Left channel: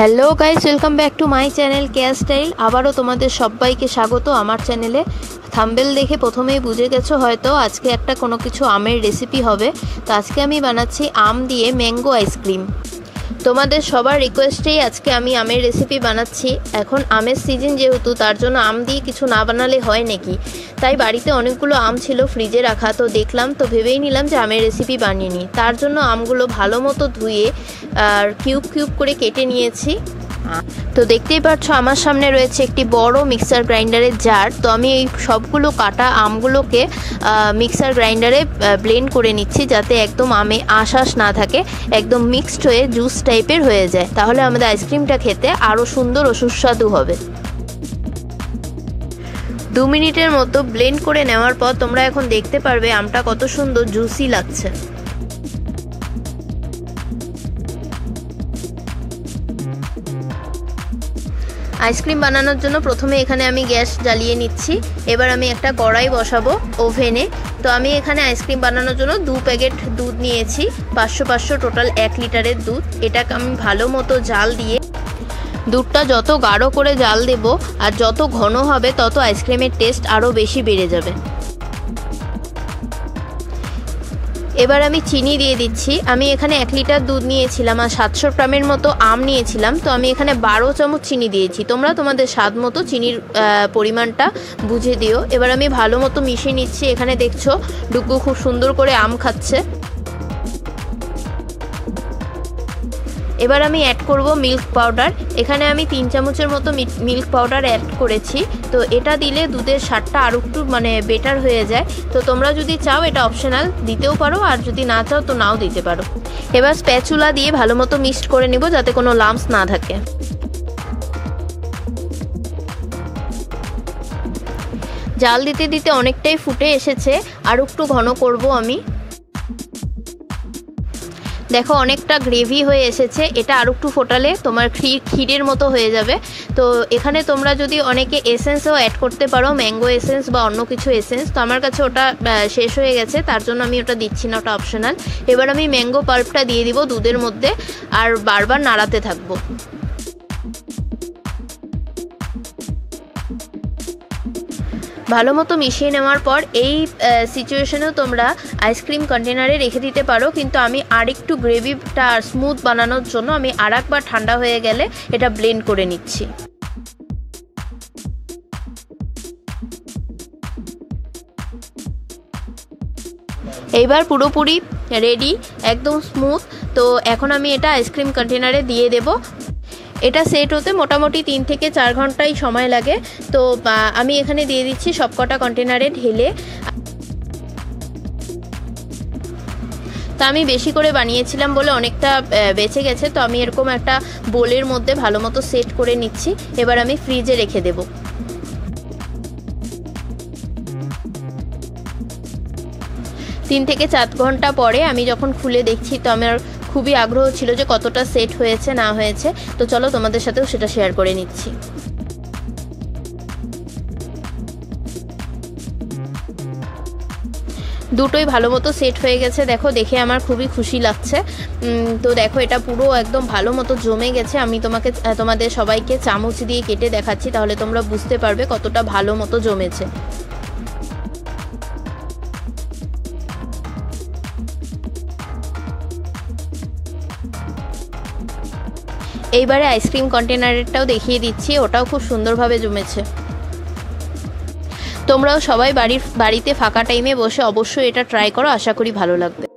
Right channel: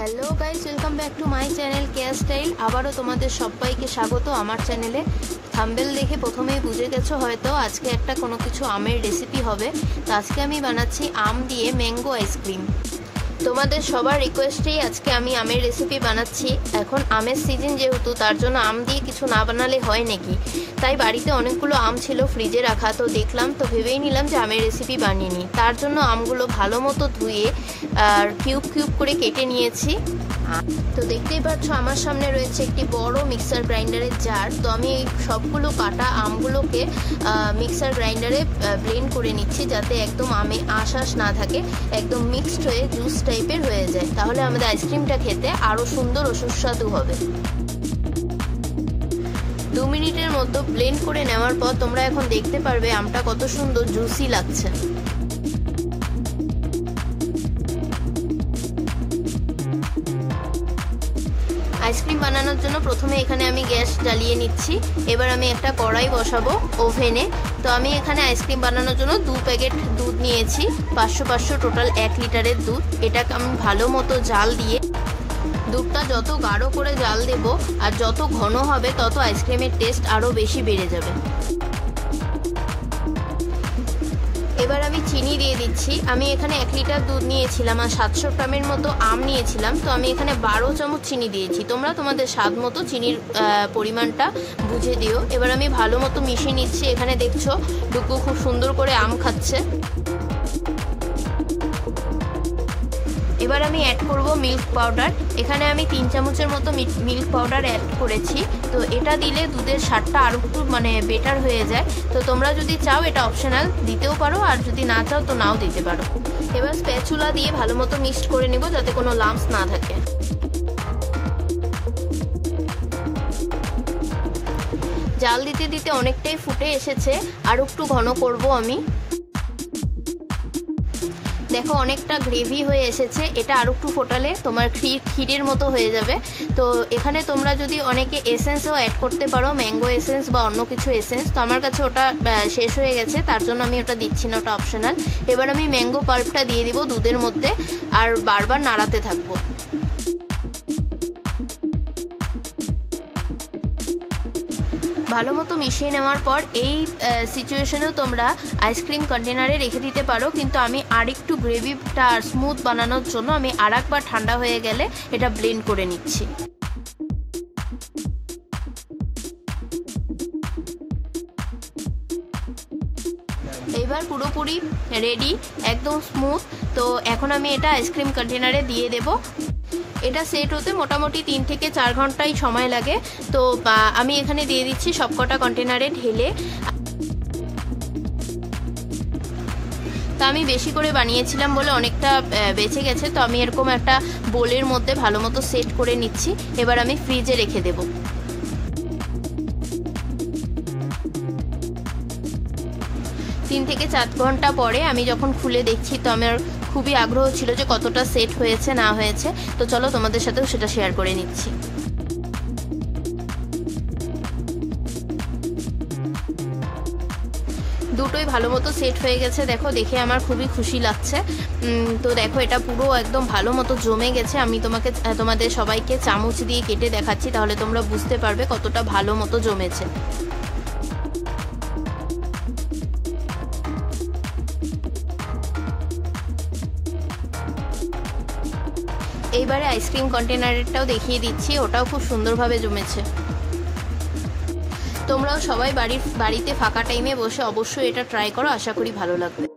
Hello guys, welcome back to my channel Keya style. আবারও তোমাদের সবাইকে স্বাগত আমার চ্যানেলে। থাম্বনেল দেখে প্রথমেই বুঝে গেছো হয়তো আজকে একটা কোনো কিছু আমের রেসিপি হবে। তো আজকে আমি বানাচ্ছি আম দিয়ে ম্যাঙ্গো আইসক্রিম। তোমাদের সবার রিকোয়েস্টেই আজকে আমি আমের রেসিপি বানাচ্ছি। এখন আমের সিজন যেহেতু, তার জন্য আম দিয়ে কিছু না বানালে হয় নাকি, তাই বাড়িতে অনেকগুলো আম ছিল ফ্রিজে রাখা, তো দেখলাম, তো ভেবেই নিলাম যে আমের রেসিপি বানিয়ে নিই। তার জন্য আমগুলো ভালো মতো ধুয়ে আর কিউব কিউব করে কেটে নিয়েছি। তো দেখতেই পাচ্ছ আমার সামনে রয়েছে একটি বড় মিক্সার গ্রাইন্ডারের জার। তো আমি এই সবগুলো কাটা আমগুলোকে মিক্সার গ্রাইন্ডারে ব্লেন্ড করে নিচ্ছি, যাতে একদম আমে আঁশ না থাকে, একদম মিক্সড হয়ে জুস টাইপের হয়ে যায়। তাহলে আমাদের আইসক্রিমটা খেতে আরও সুন্দর ও সুস্বাদু হবে। 2 মিনিটের মতো ব্লেন্ড করে নেওয়ার পর তোমরা এখন দেখতে পারবে আমটা কত সুন্দর জুসি লাগছে। আইসক্রিম বানানোর জন্য প্রথমে এখানে আমি গ্যাস জ্বালিয়ে নিচ্ছি। এবার আমি একটা কড়াই বসাবো ওভেনে। তো আমি এখানে আইসক্রিম বানানোর জন্য 2 প্যাকেট দুধ নিয়েছি, 500 টোটাল 1 লিটারের দুধ। এটাকে আমি ভালো মতো জাল দিয়ে, দুধটা যত গাঢ় করে জাল দেব আর যত ঘন হবে তত আইসক্রিমের টেস্ট আরও বেশি বেড়ে যাবে। এবার আমি চিনি দিয়ে দিচ্ছি। আমি এখানে 1 লিটার দুধ নিয়েছিলাম আর 700 গ্রামের মতো আম নিয়েছিলাম, তো আমি এখানে 12 চামচ চিনি দিয়েছি। তোমরা তোমাদের স্বাদ মতো চিনির পরিমাণটা বুঝে দিও। এবার আমি ভালো মতো মিশিয়ে নিচ্ছি। এখানে দেখছো ডুগু খুব সুন্দর করে আম খাচ্ছে। এবার আমি অ্যাড করব মিল্ক পাউডার। এখানে আমি 3 চামচের মতো মিল্ক পাউডার অ্যাড করেছি। তো এটা দিলে দুধের স্বাদটা আরও একটু বেটার হয়ে যায়। তো তোমরা যদি চাও এটা অপশনাল, দিতেও পারো, আর যদি না চাও তো নাও দিতে পারো। এবার স্প্যাচুলা দিয়ে ভালো মতো মিক্সড করে নেব, যাতে কোনো লাম্পস না থাকে। জাল দিতে দিতে অনেকটাই ফুটে এসেছে, আরও একটু ঘন করব আমি। দেখো অনেকটা গ্রেভি হয়ে এসেছে। এটা আরও একটু ফোটালে তোমার ক্ষীরের মতো হয়ে যাবে। তো এখানে তোমরা যদি অনেকে এসেন্সও অ্যাড করতে পারো, ম্যাঙ্গো এসেন্স বা অন্য কিছু এসেন্স। তো আমার কাছে ওটা শেষ হয়ে গেছে, তার জন্য আমি ওটা দিচ্ছি না, ওটা অপশনাল। এবার আমি ম্যাঙ্গো পাল্পটা দিয়ে দিব দুধের মধ্যে আর বারবার নাড়াতে থাকবো। ভালো মতো মিশিয়ে নেওয়ার পর এই সিচুয়েশনেও তোমরা আইসক্রিম কন্টেনারে রেখে দিতে পারো, কিন্তু আমি আরেকটু গ্রেভিটা স্মুথ বানানোর জন্য আমি আরেকবার ঠান্ডা হয়ে গেলে এটা ব্লেন্ড করে নিচ্ছি। এইবার পুরোপুরি রেডি, একদম স্মুথ। তো এখন আমি এটা আইসক্রিম কন্টেনারে দিয়ে দেব। এটা সেট হতে মোটামুটি 3 থেকে 4 ঘন্টাই সময় লাগে। তো আমি এখানে দিয়ে দিচ্ছি সবকটা কন্টেনারে ঢেলে। তা আমি বেশি করে বানিয়েছিলাম বলে অনেকটা বেঁচে গেছে, তো আমি এরকম একটা বোলের মধ্যে ভালো মতো সেট করে নিচ্ছি। এবার আমি ফ্রিজে রেখে দেব। 3 থেকে 4 ঘন্টা পরে আমি যখন খুলে দেখছি, তো আমার খুবই আগ্রহ ছিল যে কতটা সেট হয়েছে না হয়েছে। তো চলো তোমাদের সাথেও সেটা শেয়ার করে নিচ্ছি। দুটোই ভালো মতো সেট হয়ে গেছে। দেখো, দেখে আমার খুবই খুশি লাগছে। তো দেখো এটা পুরো একদম ভালো মতো জমে গেছে। আমি তোমাদের সবাইকে চামচ দিয়ে কেটে দেখাচ্ছি, তাহলে তোমরা বুঝতে পারবে কতটা ভালো মতো জমেছে। এইবারে আইসক্রিম কন্টেনারটাও দেখিয়ে দিচ্ছি, ওটাও খুব সুন্দরভাবে জমেছে। তোমরাও সবাই বাড়িতে ফাঁকা টাইমে বসে অবশ্যই এটা ট্রাই করো, আশা করি ভালো লাগবে।